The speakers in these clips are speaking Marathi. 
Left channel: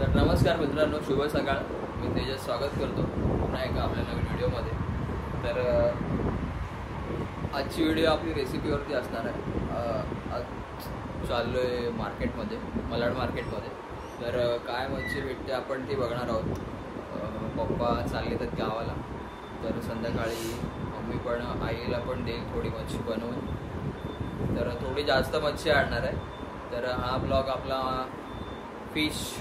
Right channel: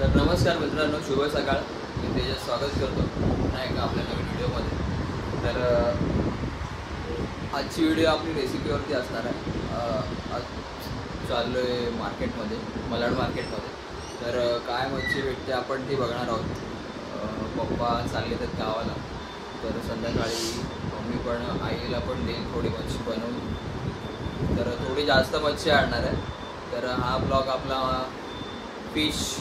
तर नमस्कार मित्रांनो, शुभ सकाळ. मी तेजस स्वागत करतो पुन्हा एका आपल्या नवीन व्हिडिओमध्ये. तर आजची व्हिडिओ आपली रेसिपीवरती असणार आहे. आज चाललो आहे मार्केटमध्ये, मलाड मार्केटमध्ये. तर काय मच्छी भेटते आपण ती बघणार आहोत. पप्पा चालले आहेत गावाला, तर संध्याकाळी मम्मी पण आईला पण देईल थोडी मच्छी बनवून. तर थोडी जास्त मच्छी आणणार आहे. तर हा ब्लॉग आपला फिश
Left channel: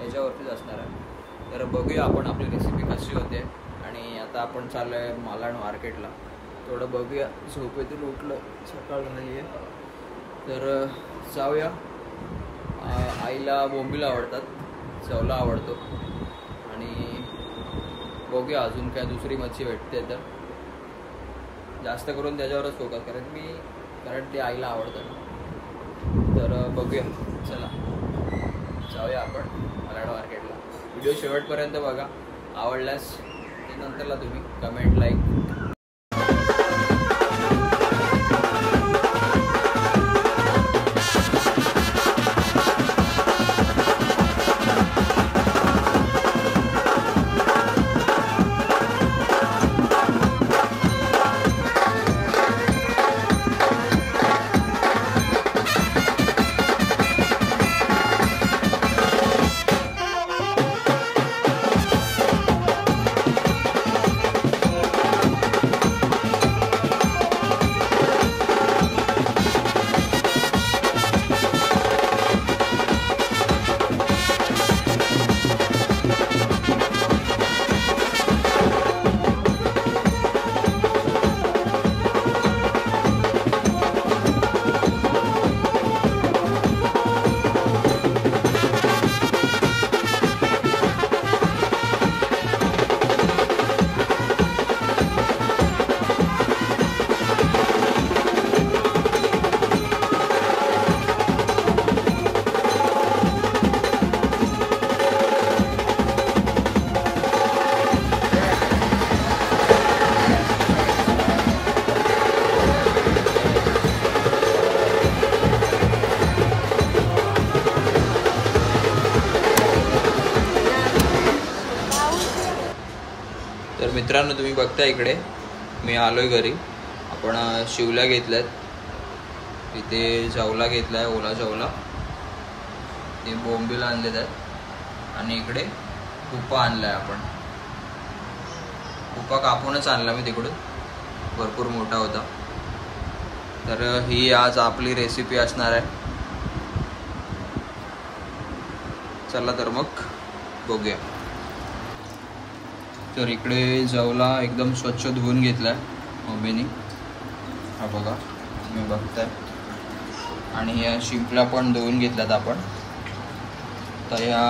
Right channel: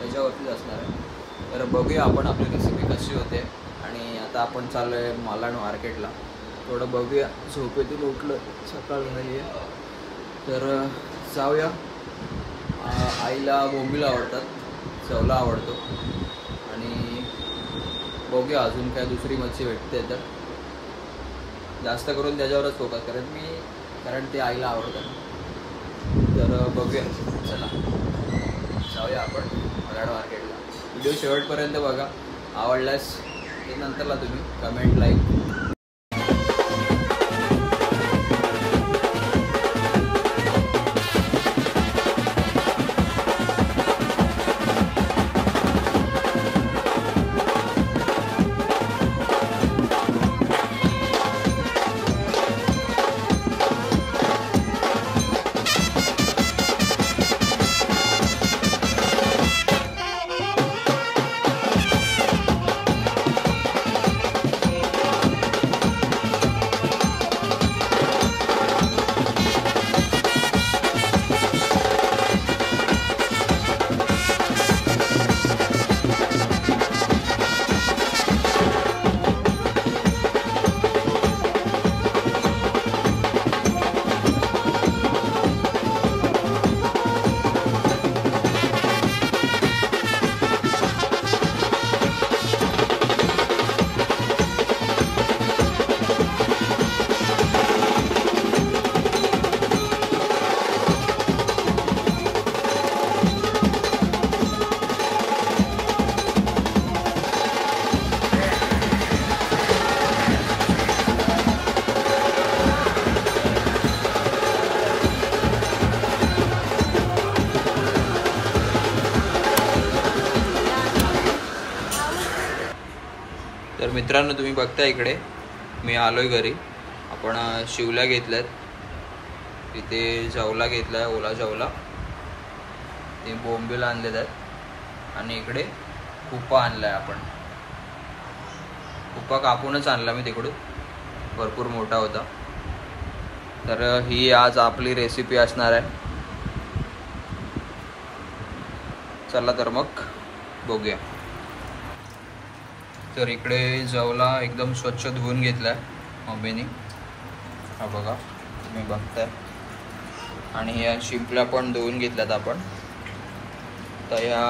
याच्यावरतीच असणार आहे. तर बघूया आपण आपली रेसिपी कशी होते. आणि आता आपण चाललो आहे मालाड मार्केटला. थोडं बघूया, झोपेतून उठलं, सकाळ झाली आहे. तर जाऊया. आईला बोंबील आवडतात, चवला आवडतो. आणि बघूया अजून काय दुसरी मच्छी भेटते तर जास्त करून त्याच्यावरच फोकस करेन कारण ते आईला आवडतं. तर बघूया, चला जाऊया आपण मलाड मार्केटला. व्हिडिओ शेवटपर्यंत बघा. आवडल्यास ते नंतरला तुम्ही कमेंट, लाईक. तर मित्रांनो, तुम्ही बघता इकडे मी आलोय घरी. आपण शिवल्या घेतल्यात, तिथे जवला घेतलाय, ओला जवला, ते बोंबील आणलेत आहेत. आणि इकडे कुप्पा आणलाय. आपण कुप्पा कापूनच आणला मी तिकडून, भरपूर मोठा होता. तर ही आज आपली रेसिपी असणार आहे. चला तर मग बघूया. तर इकडे जवला एकदम स्वच्छ धुवून घेतलाय मम्मीनी, हा बघा तुम्ही बघताय. आणि या शिंपल्या पण धुवून घेतल्यात आपण. तर ह्या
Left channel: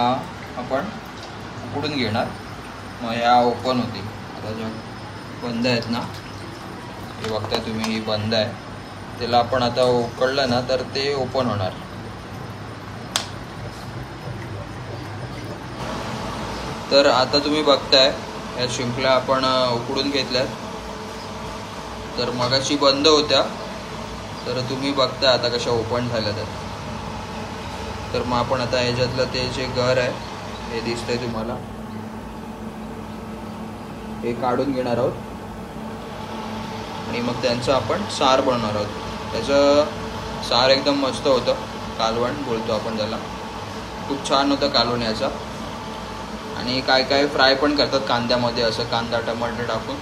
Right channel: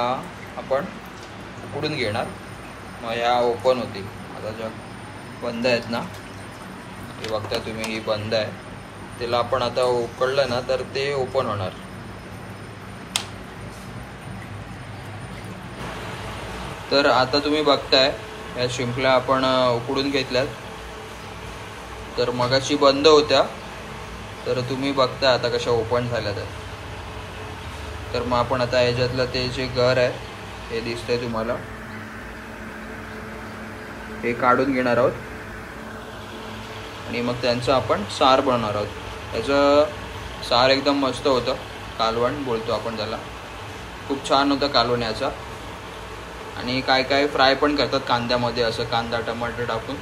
आपण उकडून घेणार, मग ह्या ओपन होतील. आता ज्या बंद आहेत ना, हे बघताय तुम्ही, ही बंद आहे. त्याला आपण आता उकळलं ना तर ते ओपन होणार. तर आता तुम्ही बघताय या शिंपल्या आपण उकडून घेतल्यात. तर मगाशी बंद होत्या, तर तुम्ही बघताय आता कशा ओपन झाल्या. तर मग आपण आता ह्याच्यातलं ते जे घर आहे हे दिसतंय तुम्हाला, हे काढून घेणार आहोत. आणि मग त्यांचं आपण सार बनवणार आहोत. त्याचं सार एकदम मस्त होतं, कालवण बोलतो आपण त्याला. खूप छान होतं कालवण याचा. आणि काय काय फ्राय पण करतात कांद्यामध्ये, असं कांदा टमाटर टाकून,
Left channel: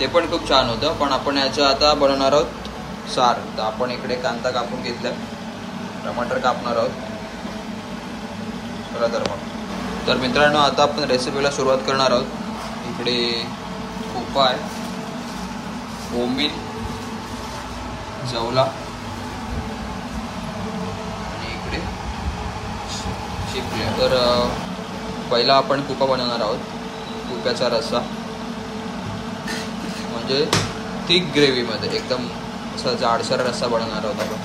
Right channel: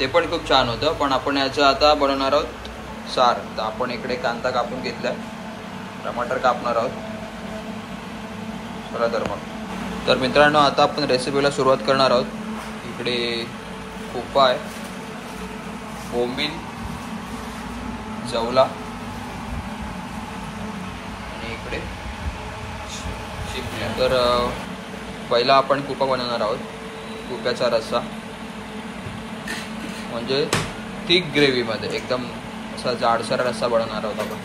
ते पण खूप छान होतं. पण आपण याचं आता बनवणार आहोत सार. तर आपण इकडे कांदा कापून घेतला, टमाटर कापणार आहोत. चला तर मग. तर मित्रांनो, आता आपण रेसिपीला सुरुवात करणार आहोत. इकडे कुप्पा आहे, बोंबील, जवला, आणि इकडे शिंपल्या. तर पहिला आपण कुप्पा बनवणार आहोत. कुप्याचा रस्सा म्हणजे थिक ग्रेव्हीमध्ये एकदम असा जाडसर रस्सा बनवणार आहोत आपण.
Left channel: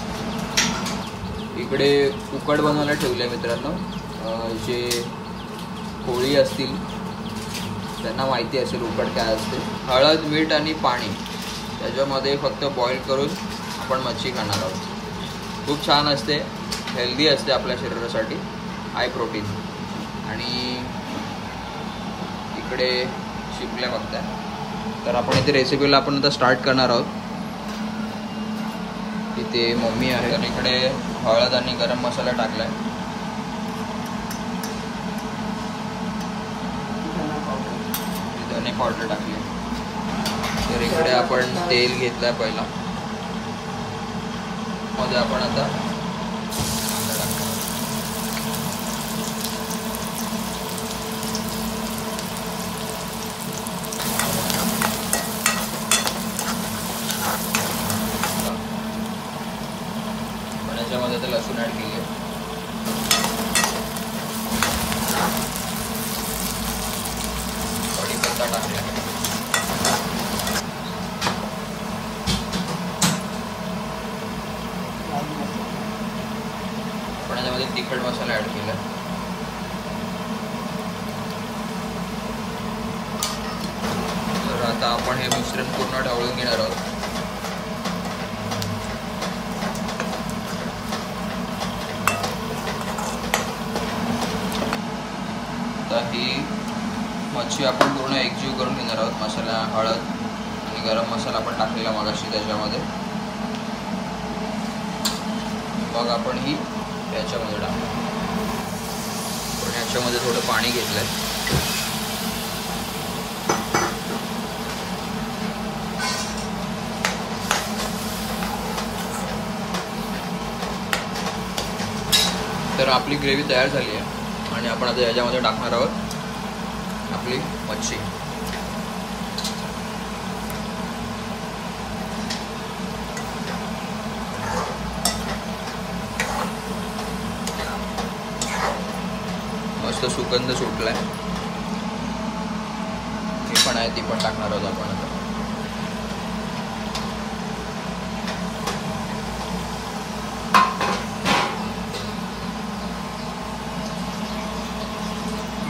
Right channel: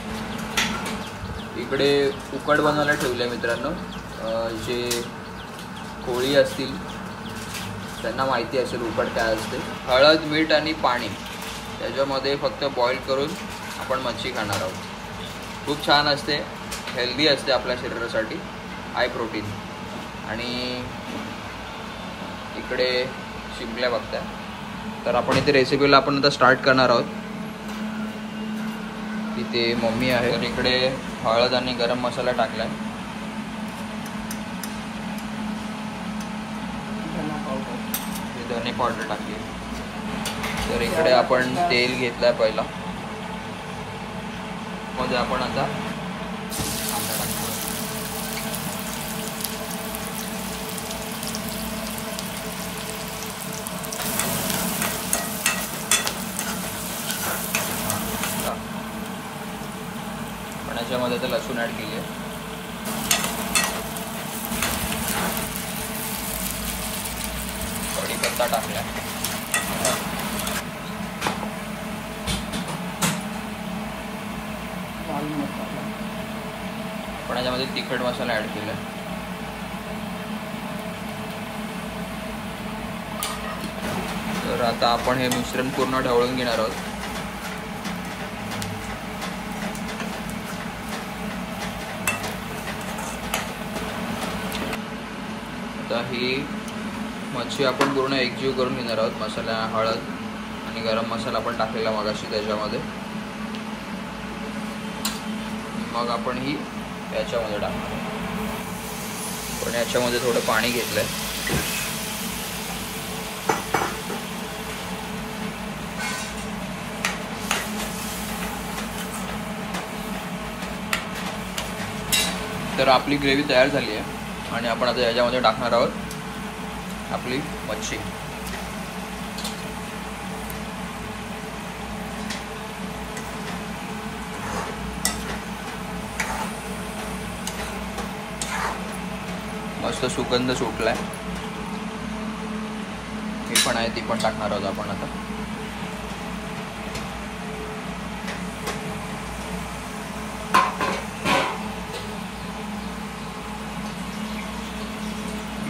इकडे उकड बनवायला ठेवले मित्रांनो. जे कोळी असतील त्यांना माहिती असेल उकड काय असते. हळद, मीठ आणि पाणी त्याच्यामध्ये फक्त बॉईल करून आपण मच्छी खाणार आहोत. खूप छान असते, हेल्दी असते आपल्या शरीरासाठी, हाय प्रोटीन. आणि इकडे शिमल्या बघताय. तर आपण इथे रेसिपीला आपण आता स्टार्ट करणार आहोत. इथे मम्मी आहे. तर इकडे हळद आणि गरम मसाला टाकलाय. धने पावडर टाकली. तर इकडे आपण तेल घेतलंय पहिला. मध्ये आपण आता कांदा टाकणार. पण याच्यामध्ये आता लसूण ऍड केली. कढीपत्ता टाकलाय. आपण याच्यामध्ये तिखट मसाला ऍड केला. तर आता आपण हे मिश्रण पूर्ण ढवळून घेणार आहोत. आता ही मच्छी आपण पूर्ण एकजीव करून घेणार आहोत. मसाला, हळद आणि गरम मसाला आपण टाकलेला मगाशी त्याच्यामध्ये. मग आपण ही याच्यामध्ये टाकणार. पण याच्यामध्ये थोडं पाणी घेतलंय. तर आपली ग्रेव्ही तयार झाली आहे आणि आपण आता याच्यामध्ये टाकणार आहोत आपली मच्छी. मस्त सुगंध सुटलाय. ही पण आहे, ती पण टाकणार आहोत आपण आता.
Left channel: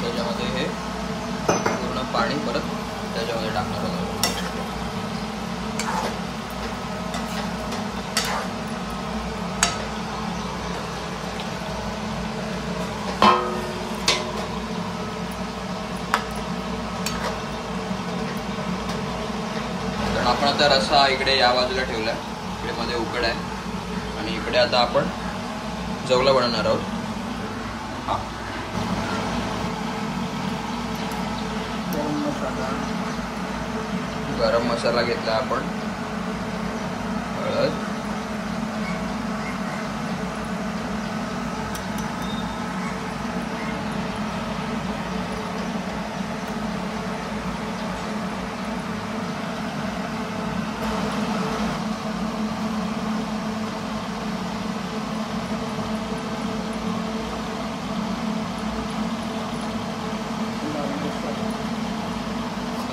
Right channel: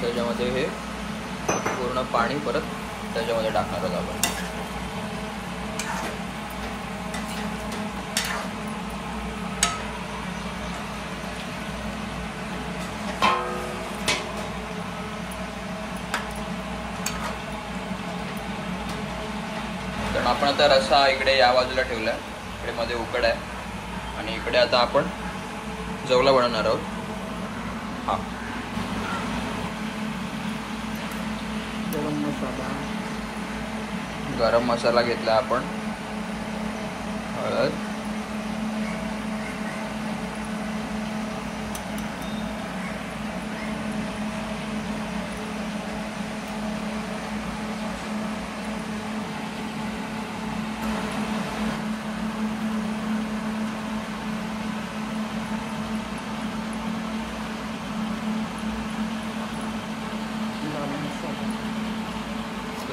त्याच्यामध्ये हे पूर्ण पाणी परत त्याच्यामध्ये टाकणार आहोत आपण. आपण आता रस्सा इकडे या बाजूला ठेवलाय. इकडे मध्ये उकड आहे आणि इकडे आता आपण जवला बनवणार आहोत. हा, गरम मसाला घेतला आपण. हळद,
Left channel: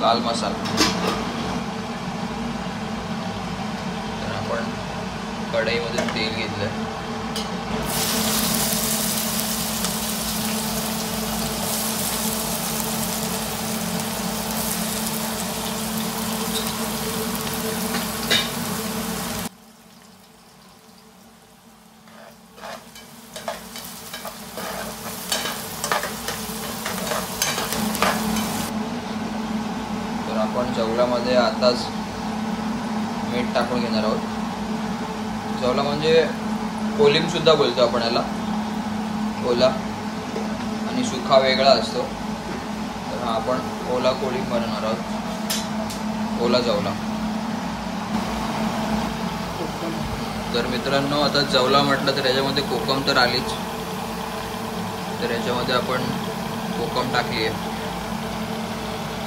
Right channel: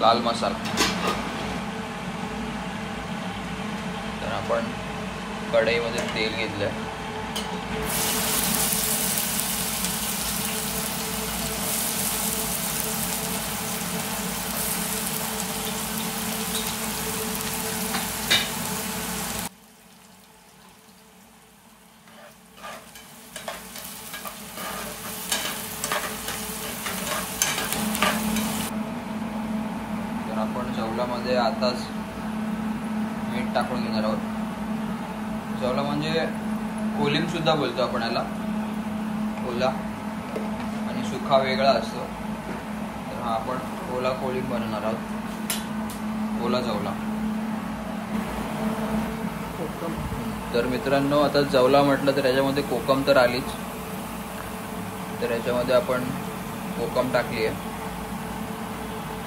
लाल मसाला. तर आपण कढईमध्ये तेल घेतलंय. आपण जवलामध्ये आताच मीठ टाकून घेणार आहोत. जवला म्हणजे कोलिम सुद्धा बोलतो आपण याला. ओला आणि सुखा वेगळा असतो. तर हा आपण ओला कोलिम बनवणार आहोत. ओला जवला. तर मित्रांनो, आता जवला म्हटलं तर याच्यामध्ये कोकम तर आलीच. तर याच्यामध्ये आपण कोकम टाकली आहे.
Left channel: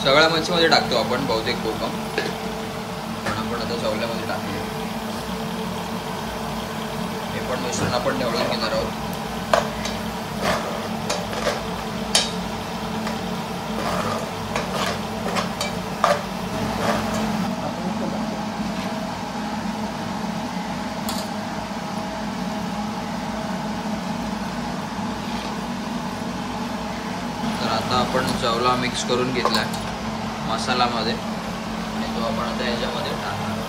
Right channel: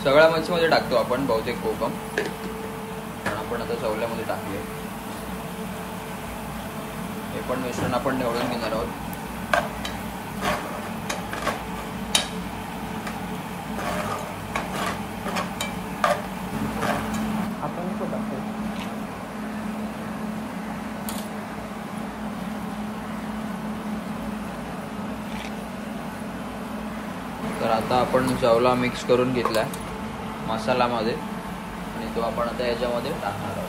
सगळ्या मच्छीमध्ये टाकतो आपण बहुतेक कोकम, पण आपण आता जवल्यामध्ये टाकले. हे पण मिश्रण आपण ढवळून घेणार आहोत. तर आता आपण जवला मिक्स करून घेतलाय मसाल्यामध्ये आणि तो आपण आता याच्यामध्ये टाकणार आहोत.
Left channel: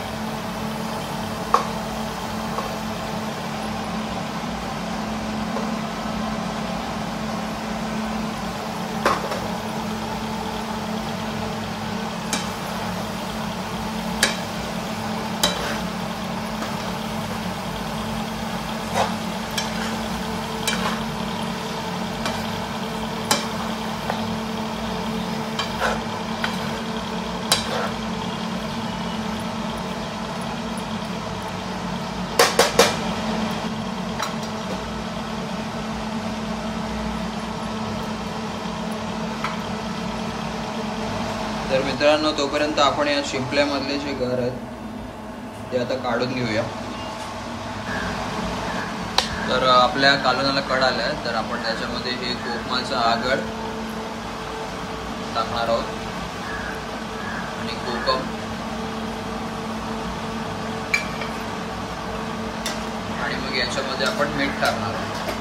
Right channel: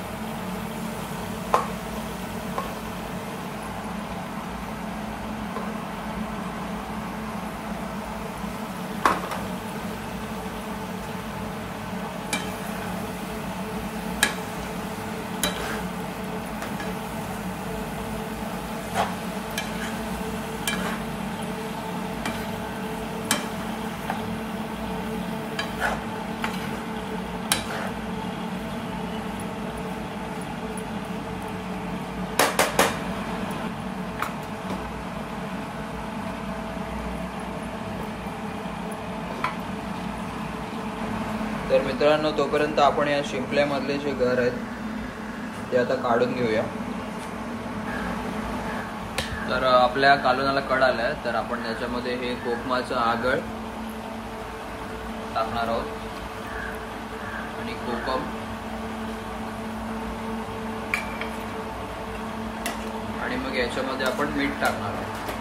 तर मित्रांनो, तोपर्यंत आपण या शिंपल्यामधले जे घर आहेत ते आता काढून घेऊया. तर आपल्या कालवणाला कड आल्या आहे, तर आपण त्याच्यामध्ये हे कोकमाचं आगळ टाकणार आहोत आणि कोकम आणि मग याच्यामध्ये आपण मीठ टाकणार आहोत.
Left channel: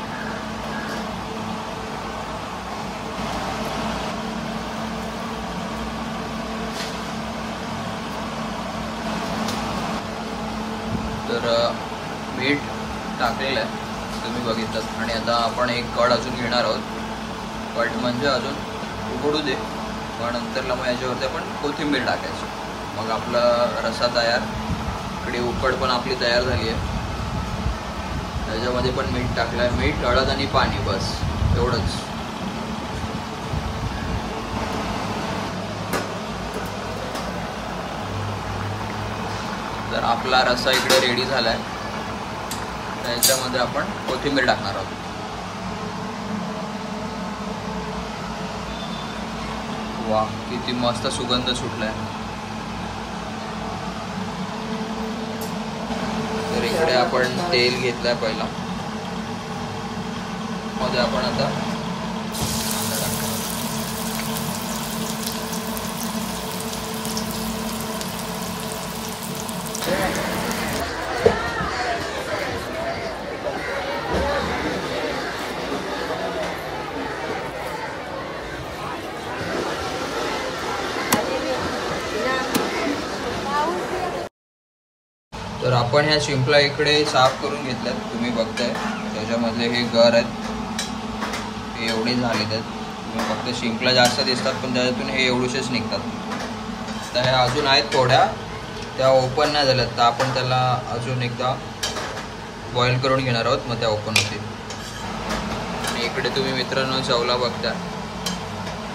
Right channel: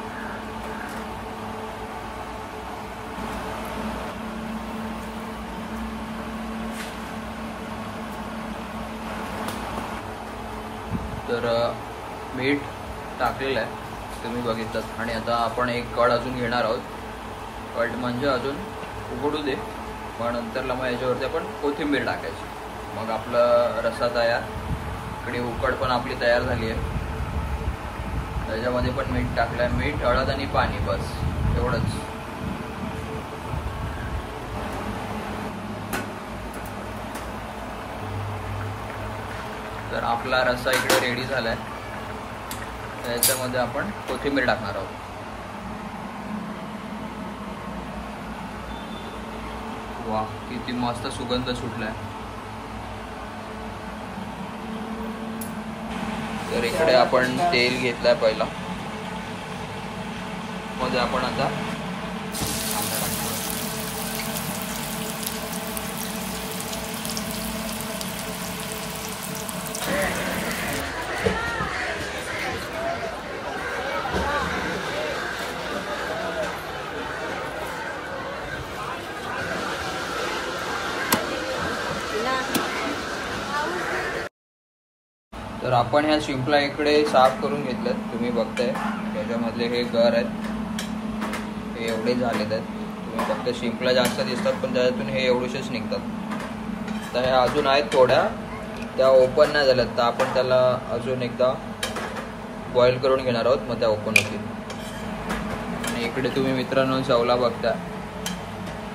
तर मीठ टाकलेलं आहे तुम्ही बघितलं. आणि आता आपण एक कड अजून घेणार आहोत. कड म्हणजे अजून उघडू दे, पण नंतरला मग याच्यावरती आपण कोथिंबीर टाकायची. मग आपला रस्सा तयार. इकडे उकड पण आपली तयार झाली आहे. त्याच्यामध्ये पण मीठ टाकलं आहे. मीठ, हळद आणि पाणी, बस एवढंच. तर आपला रस्सा इकडे रेडी झाला आहे. त्याच्यामध्ये आपण कोथिंबीर टाकणार आहोत. वा, किती मस्त सुगंध सुटलाय. तर इकडे आपण तेल घेतलंय पहिला. मध्ये आपण आता कांदा टाकणार. तर आपण ह्या शिंपला इकडे साफ करून घेतल्यात. तुम्ही बघताय त्याच्यामधले हे गर आहेत, हे एवढे झालेत आहेत. तुम्ही फक्त शिंपला जास्त दिसतात, पण त्याच्यातून हे एवढेच निघतात. तर ह्या अजून आहेत थोड्या, त्या ओपन नाही झाल्यात. तर आपण त्याला अजून एकदा बॉईल करून घेणार आहोत, मग त्या ओपन होतील. आणि इकडे तुम्ही मित्रांनो चवला बघताय,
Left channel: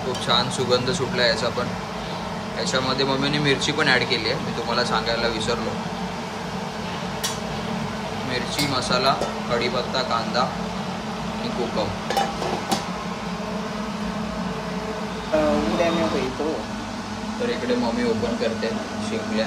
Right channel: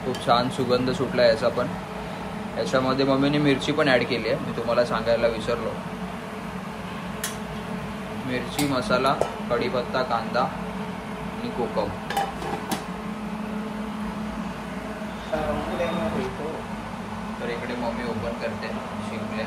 खूप छान सुगंध सुटला याचा पण. याच्यामध्ये मम्मीने मिरची पण ॲड केली आहे, मी तुम्हाला सांगायला विसरलो. मिरची, मसाला, कढीपत्ता, कांदा आणि कोकम. तर इकडे मम्मी ओपन करते शिंपल्या.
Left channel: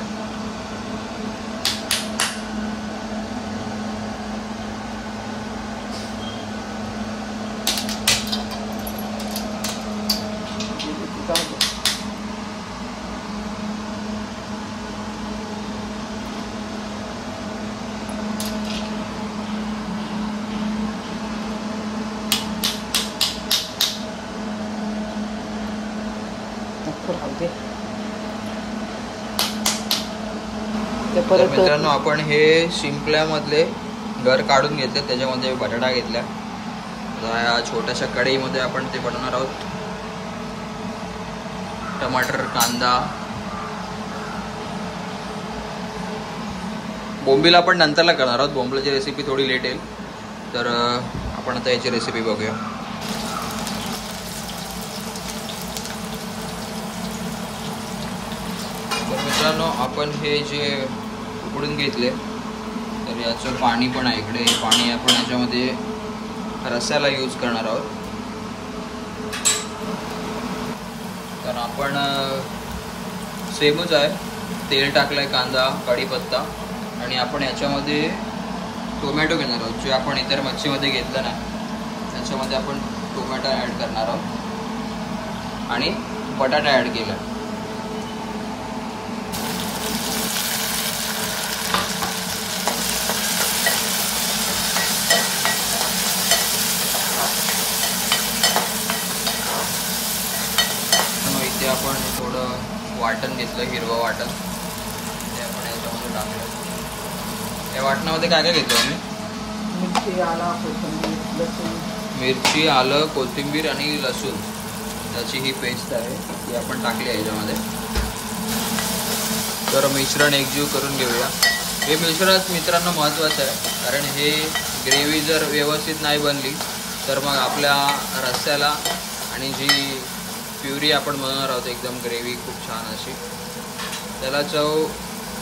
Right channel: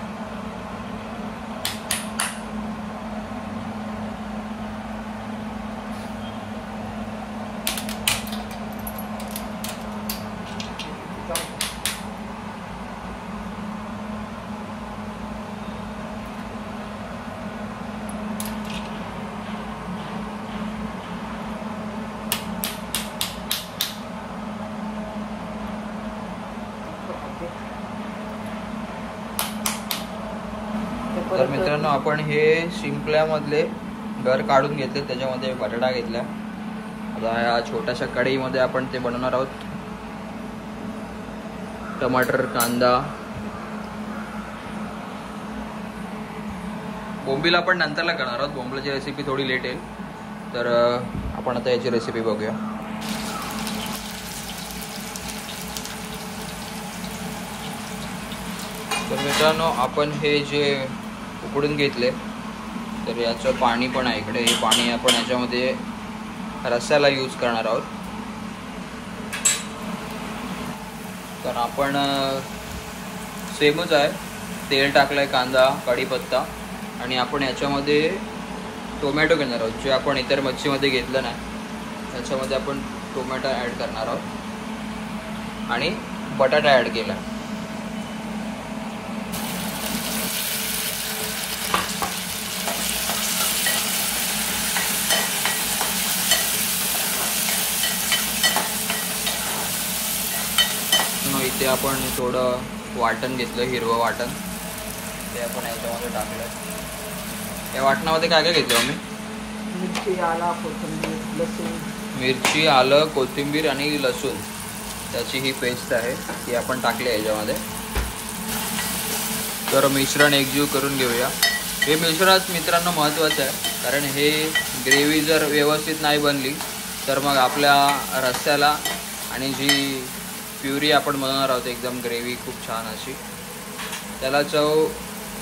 तर मित्रांनो, आपण हे शिंपल्यामधले गर काढून घेतले. त्याच्यामध्ये बटाटा घेतल्या. आता या छोट्याशा कढईमध्ये आपण ते बनवणार आहोत. टमाटर, कांदा, बोंबील आपण नंतरला करणार आहोत. बोंबीलची रेसिपी थोडी लेट येईल. तर आपण आता याची रेसिपी बघूया. तर मित्रांनो, आपण हे जे उकडून घेतले, तर याचं पाणी पण आहे इकडे. हे पाणी आपण याच्यामध्ये रस्स्याला यूज करणार आहोत. तर आपण सेमच आहे. तेल टाकलंय, कांदा, कढीपत्ता, आणि आपण याच्यामध्ये टोमॅटो घेणार आहोत. जे आपण इतर मच्छीमध्ये घेतलं नाही, त्याच्यामध्ये आपण टोमॅटो ॲड करणार आहोत आणि बटाटा ॲड केला. इथे आपण थोडं वाटण घेतलं, हिरवं वाटण. ते आपण याच्यामध्ये टाकलं. या वाटणामध्ये काय काय घेतलं आम्ही? मिरची, आलं, कोथिंबीर, लसूण. मिरची, आलं, कोथिंबीर आणि लसूण, त्याची ही पेस्ट आहे, ती आपण टाकली आहे याच्यामध्ये. तर मिश्रण एकजीव करून घेऊया. हे मिश्रण मित्रांनो महत्त्वाचं आहे, कारण हे ग्रेव्ही जर व्यवस्थित नाही बनली तर मग आपल्या रस्स्याला आणि जी प्युरी आपण बनवणार आहोत एकदम ग्रेव्ही खूप छान अशी, त्याला चव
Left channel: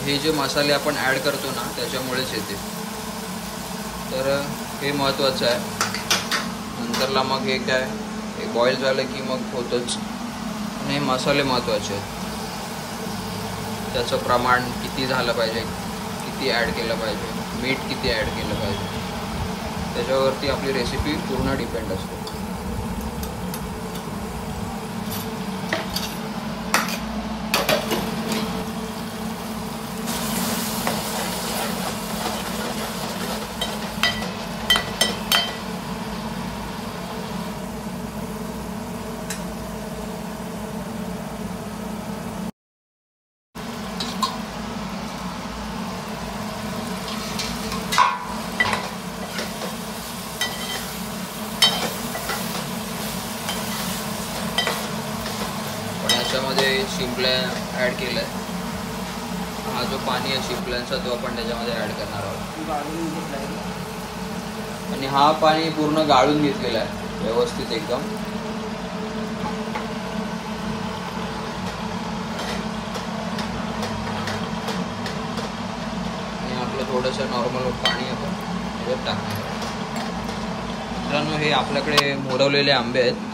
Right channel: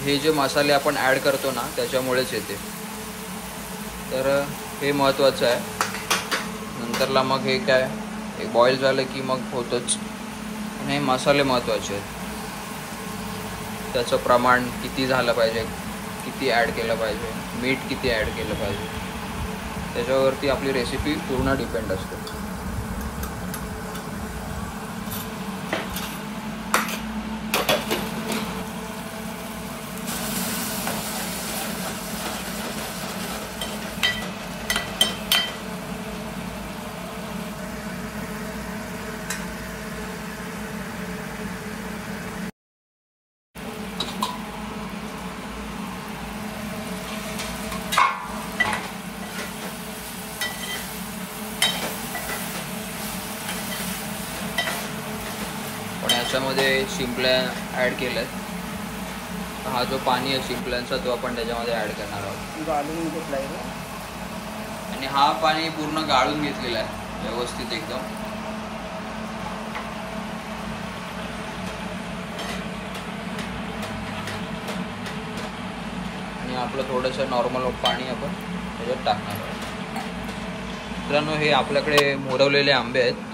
हे जे मसाले आपण ॲड करतो ना त्याच्यामुळेच येते. तर हे महत्त्वाचं आहे. नंतरला मग हे काय, एक बॉईल झालं की मग होतंच. पण हे मसाले महत्त्वाचे आहेत. त्याचं प्रमाण किती झालं पाहिजे, किती ॲड केलं पाहिजे, मीठ किती ॲड केलं पाहिजे, त्याच्यावरती आपली रेसिपी पूर्ण डिपेंड असते. पण याच्यामध्ये शिंपल्या ॲड केल्या. हा जो पाणी आहे शिंपल्यांचा तो आपण त्याच्यामध्ये ॲड करणार आहोत. गाळून घेतलाय आणि हा पाणी पूर्ण गाळून घेतलेला आहे व्यवस्थित एकदम. आणि आपलं थोडंसं नॉर्मल पाणी आपण त्याच्यात टाकणार आहोत. मित्रांनो, हे आपल्याकडे मोरवलेले आंबे आहेत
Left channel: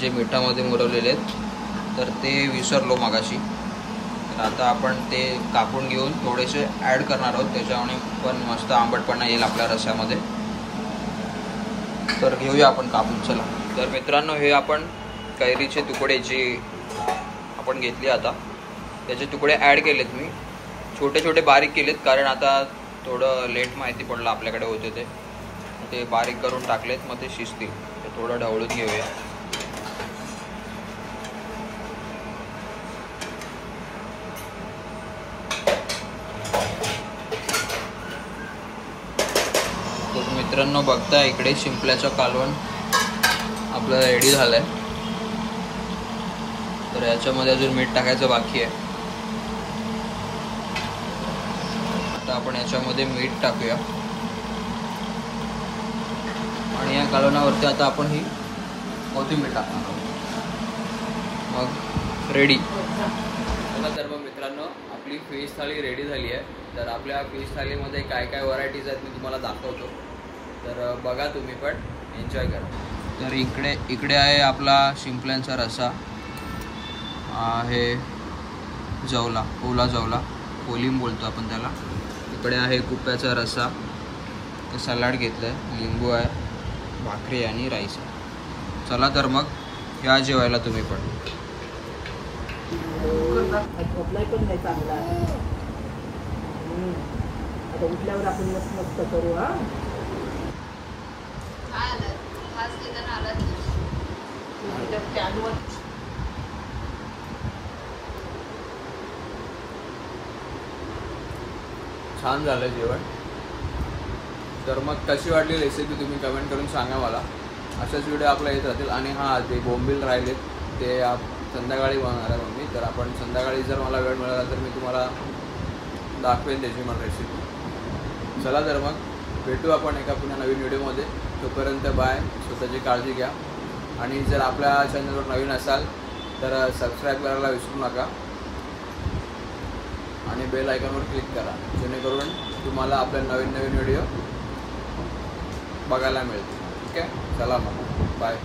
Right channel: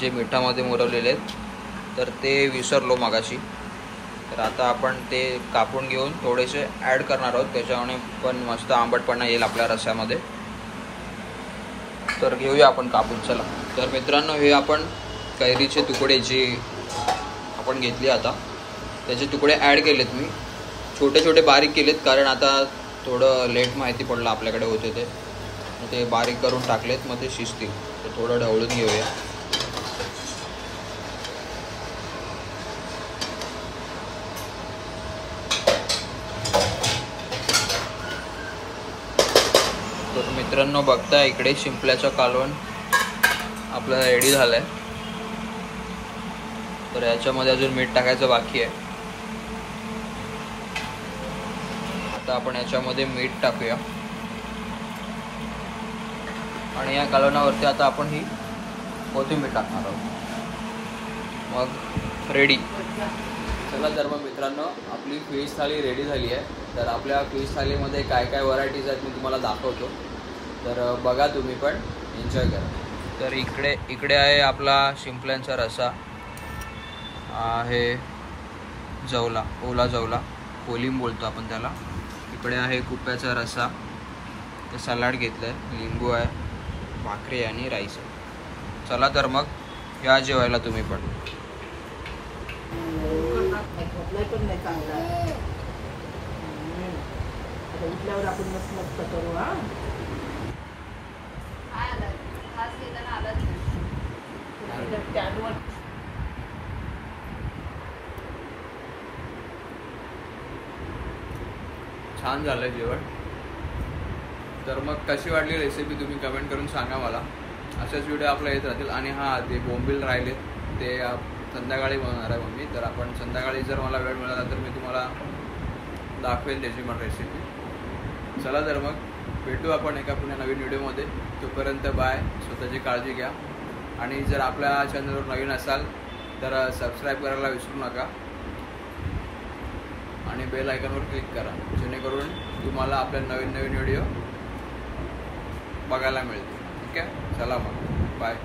जे मिठामध्ये मोरवलेले आहेत. तर ते विसरलो मगाशी. तर आता आपण ते कापून घेऊन थोडेसे ॲड करणार आहोत. त्याच्यामुळे पण मस्त आंबटपणा येईल आपल्या रस्स्यामध्ये. तर घेऊया आपण कापून. चला. तर मित्रांनो, हे आपण कैरीचे तुकडे जे आपण घेतले आता त्याचे तुकडे ॲड केलेत मी. छोटे छोटे बारीक केलेत कारण आता थोडं लेट माहिती पडलं आपल्याकडे होते ते. मग ते बारीक करून टाकलेत, मग ते शिजतील. तर थोडं ढवळून घेऊया. तर मित्रांनो, बघता इकडे शिंपल्याचं कालवण आपलं रेडी झालंय. तर याच्यामध्ये अजून मीठ टाकायचं बाकी आहे. आता आपण याच्यामध्ये मीठ टाकूया. आणि या कालवणावरती आता आपण ही कोथिंबीर टाकणार आहोत. मग रेडी. चला तर मग मित्रांनो, आपली फिश थाळी रेडी झाली आहे. तर आपल्या फिश थाळीमध्ये काय काय व्हरायटीज आहेत मी तुम्हाला दाखवतो. तर बघा तुम्ही पण एन्जॉय करा. तर इकडे आहे आपला शिंपल्यांचा रस्सा. आहे जवला, ओला जवला, कोलिम बोलतो आपण त्याला. इकडे आहे कुप्याचा रस्सा. ते सलाड घेतलं आहे, लिंबू आहे, भाकरी आणि राईस आहे. चला तर मग या जेवायला तुम्ही पण. पण नाही चांगला. आता उठल्यावर आपण मस्त मस्त करू. छान झालं जेवण. तर मग कशी वाटली रेसिपी तुम्ही कमेंट करून सांगा मला. अशाच व्हिडिओ आपल्या येत राहतील. आणि हां, ते बोंबील राहिलेत ते संध्याकाळी बनवणार आहे मम्मी. तर आपण संध्याकाळी जर मला वेळ मिळाला तर मी तुम्हाला दाखवेन त्याची मला रेसिपी. चला तर मग भेटू आपण एका पुन्हा नवीन व्हिडिओमध्ये. तोपर्यंत बाय. स्वतःची काळजी घ्या. आणि जर आपल्या चॅनलवर नवीन असाल तर सबस्क्राईब करायला विसरू नका. आणि बेल आयकॉनवर क्लिक करा जेणेकरून तुम्हाला आपल्या नवीन नवीन व्हिडिओ बघायला मिळतील. ठीक आहे. चला मग बाय.